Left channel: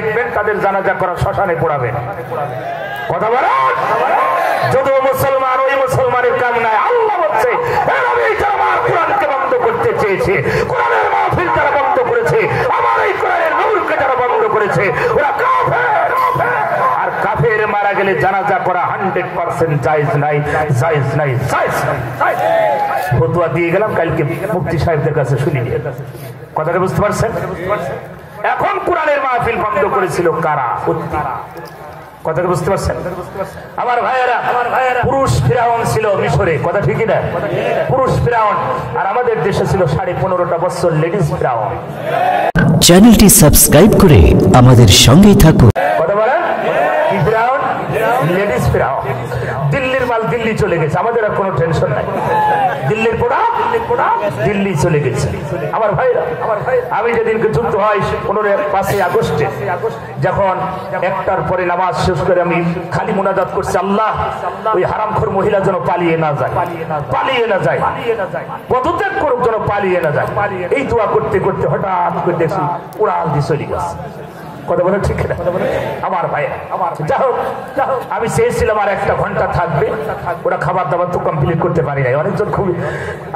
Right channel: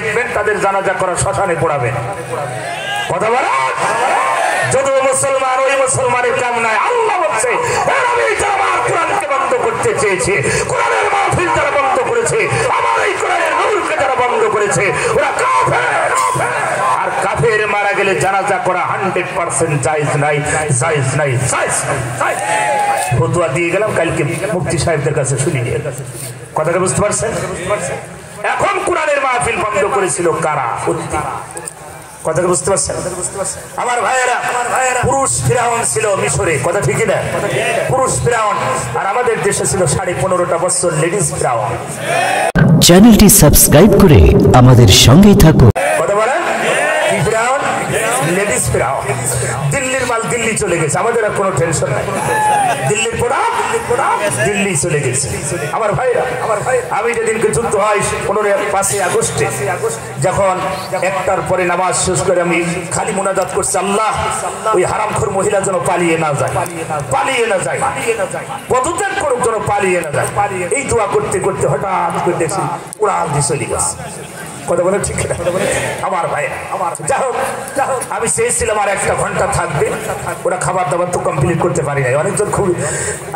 দেখবেন তাদের জানাজা করা শ্মশানে পড়াবেন। কথা বলেন, যদিও মুসলমান ওই মুসলমানের কাম নাই। আল্লাহ বলছে আমার কোরআনকে বন্ধ করতে চেয়েছে, কোরআনের মাহফিল তারা বন্ধ করেছে, আমার এই কোরআনের নূরকে তারা বন্ধ করেছে, ওরা কাফের। আর কাফের মারা গেলে জানাজা করা 100% জায়েজ নাই, জায়েজ নাই, জায়েজ নাই। ফতোয়া দিয়ে গেলাম কালকে মুফতি সাহেবদের কাছে শুনি নিয়ে। কথাটা বুঝতে পারছেন? এখন কোরআনের মাহফিল বন্ধ করেছিল কারা? কথাটা বুঝতে পারছেন? আমার ভাইয়েরা, পুরুষ ফিরাউন ছিল মিশরে, কথা ঠিকই না? পুরুষ ফিরাউন, আর আমাদের দেশে ছিল 15.5 বছর লেডিস ফিরাউন। চ্যানেলটি সাবস্ক্রাইব করে আমাদের সঙ্গেই থাকুন। কথা বলেন, কি ফিরাউন? লেডিস ফিরাউন। দিল্লির মাল দিল্লি চলে গেছে, আমাদের আর কোনো টেনশন নাই। দিল্লির পোড়া দিল্লি চলে গেছে। আমার ভাইরা, আমি যেদিনকে যুদ্ধ হয় 5ই আগস্টে, যখন একটার পরে নামাজ শেষ করে আমি খালি মোনাজাত করছি, আল্লাহ ওই হারামখোর মহিলা যেন পালিয়ে না যায়, পালিয়ে না যায়, পদত্যাগ করুক যেন পালিয়ে না যায়। এই দোয়া করতে করতে হঠাৎ করে দেখছি উড়াল দিয়ে চলে গেছে। কথা বলে ঠিক না? আমার ভাইয়া, যা হোক আমি চেয়েছিলাম আর 1 ঘন্টা থাকবে, ওরা খাবার দাবার তো কমপ্লিট করতে পারি নাই। অনেকজন খুব,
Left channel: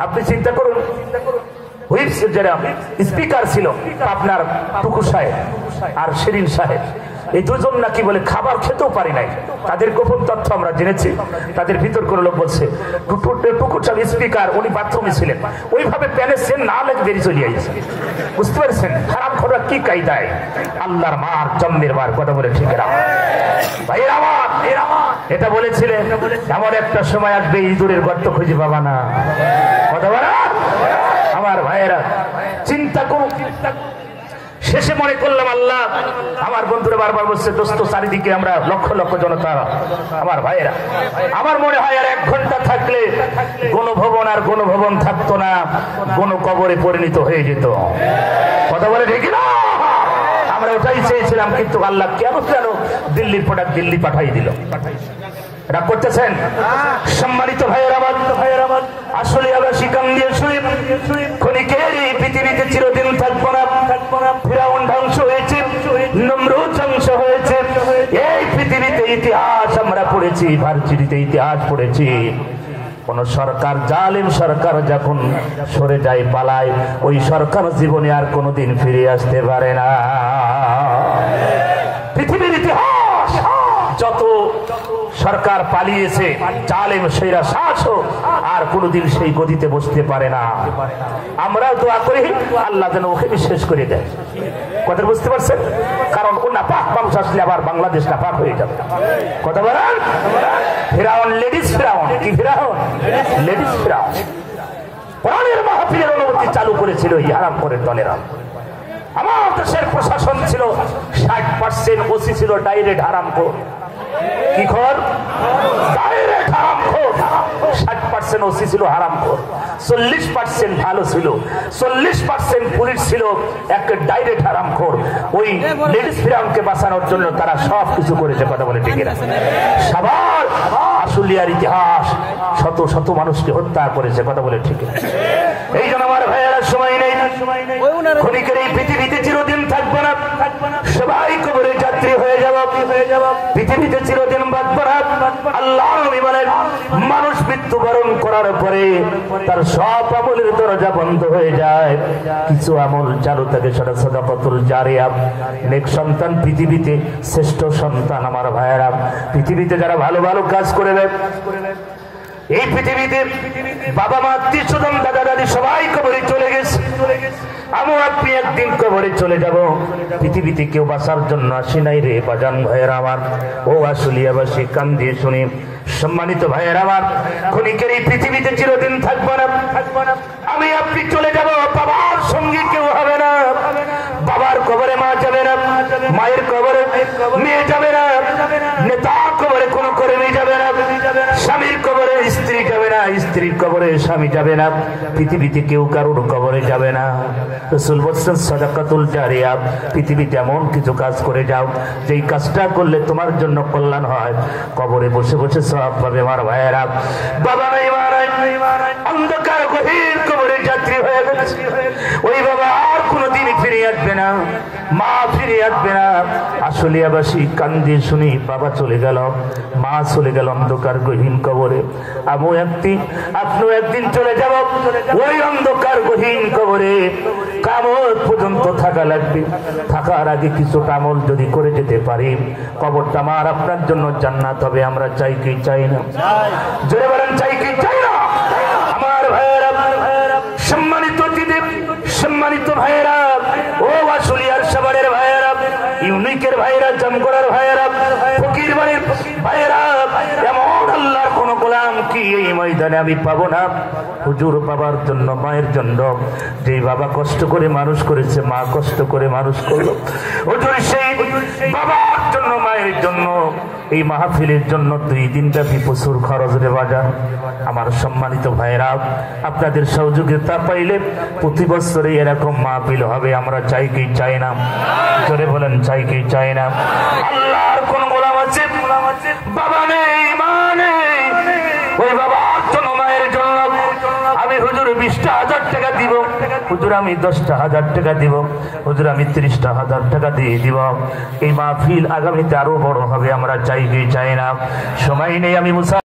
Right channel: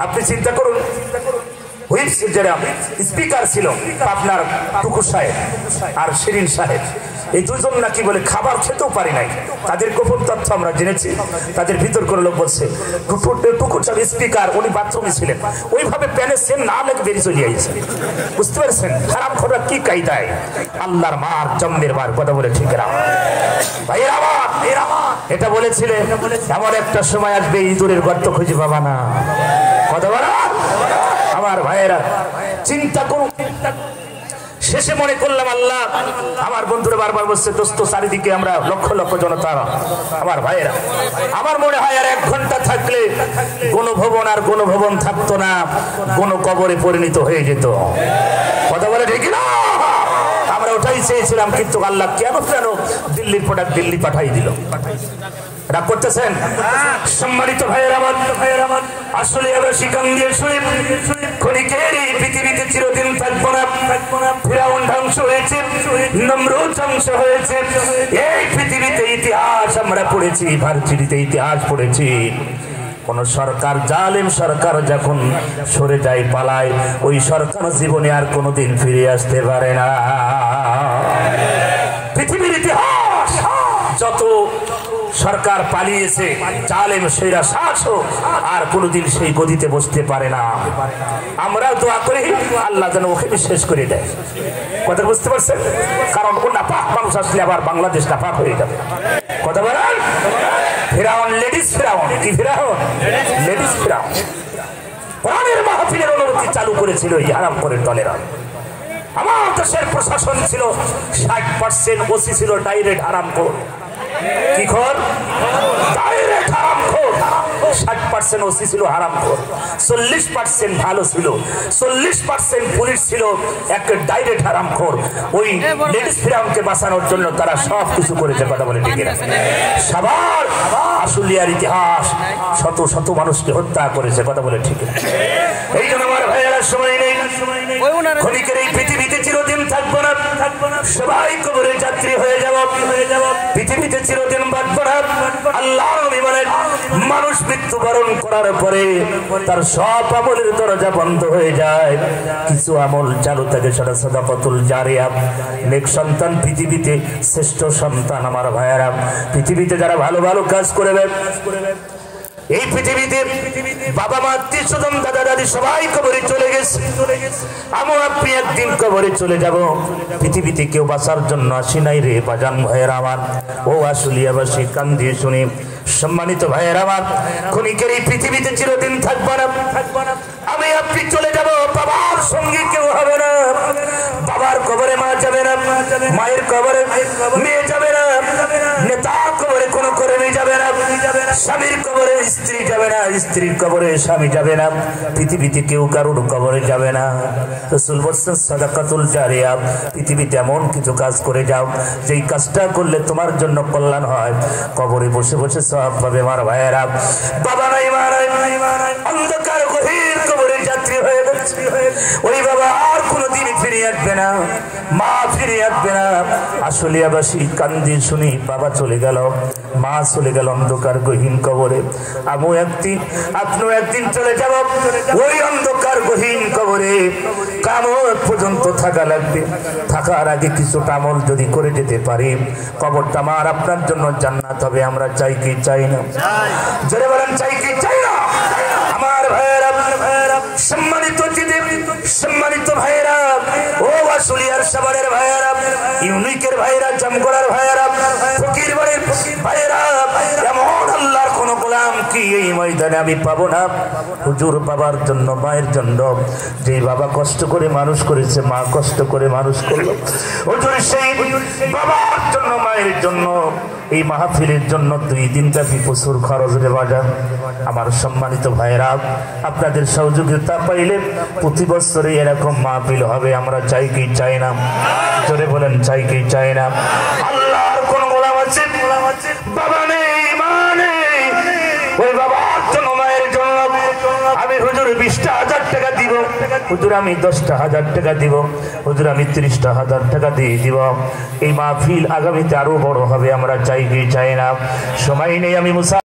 আপনি চিন্তা করুন, হুইপস যারা স্পিকার ছিল আপনার টুকু সাহেব আর শিরিন সাহেব, এই দুজন নাকি বলে খাবার খেতেও পারি নাই। তাদের গোপন তথ্য আমরা জেনেছি। তাদের ভিতর কোনো লোক বলছে টুকুর সাহেব স্পিকার, উনি বাথরুমে ছিলেন, ওইভাবে প্যানে সেম না লেগে বেরিয়ে চলে আসছে। বুঝতে পারছেন খারাপ খবর কি কায়দায়? আল্লাহর মার জন্মের মার। কথা বলে ঠিক না ভাইয়েরা? এটা বলেছিলেন এমন একটা সময় আসবে ইঁদুরের গর্ত খুঁজে পাবা না। কথা বলা আমার ভাইয়েরা, চিন্তা করুন। শেষে মনে করলাম আল্লাহ, আমার বন্ধুরা বারবার বলছে দোস্ত চারিদিকে আমরা লক্ষ লক্ষ জনতা। আমার ভাইয়েরা, আমার মনে হয় আর 1 ঘন্টা থাকলে গণভবন আর গণভবন থাকতো না, গণকবরে পরিণত হয়ে যেত। কথা বলে ঠিক না? আমরা ওটাই চেয়েছিলাম, কিন্তু আল্লাহ কেন দিল্লির প্রোডাক্ট দিল্লি পাঠাই দিল। রাগ করতেছেন? সম্মানিত ভাইয়েরা আমার, আসলে আবার শিকাম দিয়ে শুনি ক্ষণিকের এই পৃথিবীতে চিরদিন থাকবো না। ফিরাউন ধ্বংস হয়েছে, নমরুদ ধ্বংস হয়েছে। এই পৃথিবীতে ইতিহাস আমরা পড়েছি, ভার্সিটিতে ইতিহাস পড়েছি। কোন সরকার, জালেম সরকার যখন সরে যায়, পালায়, ওই সরকার জীবনে আর কোনোদিন ফিরে আসতে পারে না। পৃথিবীর ইতিহাস যত সরকার পালিয়েছে, জালেম সেরা শাসক আর কোনোদিন সেই গদিতে বসতে পারে না। আমরাও দোয়া করি আল্লাহ যেন ওকে বিশ্বাস করে দেয়। কথা বুঝতে পারছেন? কারণ ও নাপাক মানুষ আসলে আবার বাংলাদেশ নাপাক হয়ে যাবে। কথা বলেন, ফিরাউন লেডিস ফিরাউন। কি ফিরাউন? লেডিস ফিরাউন। কোরআনের মাহফিলের অনুমতি চালু করেছিল এই হারামখোরের দলেরা। আমার দেশের প্রশাসন ছিল 60% ওসি ছিল ডাইরেক্ট হারামখোর। কি খোর? ডাইরেক্ট হারামখোর। 60% ওসি ছিল হারামখোর, 40% ভালো ছিল, 40% পুলিশ ছিল এক ডাইরেক্ট হারামখোর। ওই লেডিস ফিরাউনকে বাঁচানোর জন্য তারা সব কিছু করেছে। কথা বলে ঠিক না? সবার আশুলিয়ার ইতিহাস শত শত মানুষকে হত্যা করেছে। কথা বলে ঠিক না? এই জন্য আমার ভাইয়েরা সময় নেই, ক্ষণিকের এই পৃথিবীতে চিরদিন থাকবো না, সবাই কবরে যাত্রী হয়ে যাব। পৃথিবীতে চিরদিন বাঁচবো না। আল্লাহ বলেন, মানুষ মৃত্যুবরণ করার পরে তার সব আমলের দরজা বন্ধ হয়ে যায়, কিছু আমল চালু থাকে, সেটা সাদাকাতুল জারিয়া, নেক সন্তান, পৃথিবীতে শ্রেষ্ঠ সন্তান। আমার ভাইয়েরা, পৃথিবীতে যারা ভালো ভালো কাজ করে দেয়, এই পৃথিবীতে বাবা মা, আত্মীয় স্বজন, দাদা দাদি সবাই কবরে চলে গেছে। আমি আপনি একদিন কবরে চলে যাব। পৃথিবীতে কেউ বাঁচার জন্য আসি নাই রে বাজান ভাইয়েরা আমার। ও আশুলিয়াবাসী কান দিয়ে শুনি, সম্মানিত ভাইয়েরা আমার, ক্ষণিকের এই পৃথিবীতে চিরদিন থাকবো না। আমি আপনি চলে যাব, বাবার সঙ্গে কেউ হবে না। বাবার কবরে মা যাবে না, মায়ের কবরে মেয়ে যাবে না, নেতা কবরে কোনো কর্মী যাবে না, স্বামীর কবরে স্ত্রী যাবে না, স্ত্রীর কবরে স্বামী যাবে না, পৃথিবীতে কেউ কারোর কবরে যাবে না। রাসূল বলেছেন সাদাকাতুল জারিয়া, পৃথিবীতে এমন কিছু কাজ করে যাও যেই কাজটা করলে তোমার জন্য কল্যাণ হয়, কবরে বসে বসে সওয়াব পাবে। আমার ভাইয়েরা, বাবা নাই মা নাই, অন্ধকার গভীর কবরের যাত্রী হয়ে গেছে। ওই বাবা আর কোনোদিন ফিরে আসবে না, মা ফিরে আসবে না, আশুলিয়াবাসী কান্দি শুনি বাবা চলে গেল, মা চলে গেল অন্ধকার গহীন কবরে। আপনিও একদিন চলে যাব ওই অন্ধকার গহীন কবরে। কিয়ামত পর্যন্ত থাকা লাগবে। থাকার আগে কিছুটা আমল যদি করে যেতে পারি, কবরটা আমার আপনার জন্য জান্নাত হবে। আমরা চাই কি চাই না? জোরে বলেন, চাই কি চাই না? আমার ভাইয়েরা, সম্মানিত চিঠি, সম্মানিত ভাইয়েরা, ও আশুলিয়ার সাভারের ভাইয়েরা, ইউনিকের ভাইয়েরা, জামগড়ার ভাইয়েরা, ফকির বাড়ির ভাইয়েরা, এমন আল্লাহর কোন গোলাম কি এই ময়দানে আমি পাবো না? হুজুর বাবার জন্য, মায়ের জন্য, যে বাবা কষ্ট করে মানুষ করেছে, মা কষ্ট করে মানুষ করলো, হুজুর সেই বাবার জন্য, মায়ের জন্য, এই মাহফিলের জন্য 2 দিন ব্যাপী প্রচুর খরচ রে বাজার। আমার সম্মানিত ভাইয়েরা, আপনাদের সহযোগিতা পাইলে প্রতি বছরে এরকম মাহফিল হবে। আমরা চাই কি চাই না? জোরে বলেন, চাই কি চাই না? আল্লাহর কোন গোলাম আছে বাবা নেই, মা নেই, ওই বাবার জন্য, মায়ের জন্য আমি হুজুর 20,000 টাকা দিব, হুজুর আমি 10,000 টাকা দিব, হুজুর আমি 30,000 টাকা দিয়ে দিব। এই মাহফিল আগামীতে আরো বড় হবে। আমরা চাই কি চাই না? সময় নেই, আমি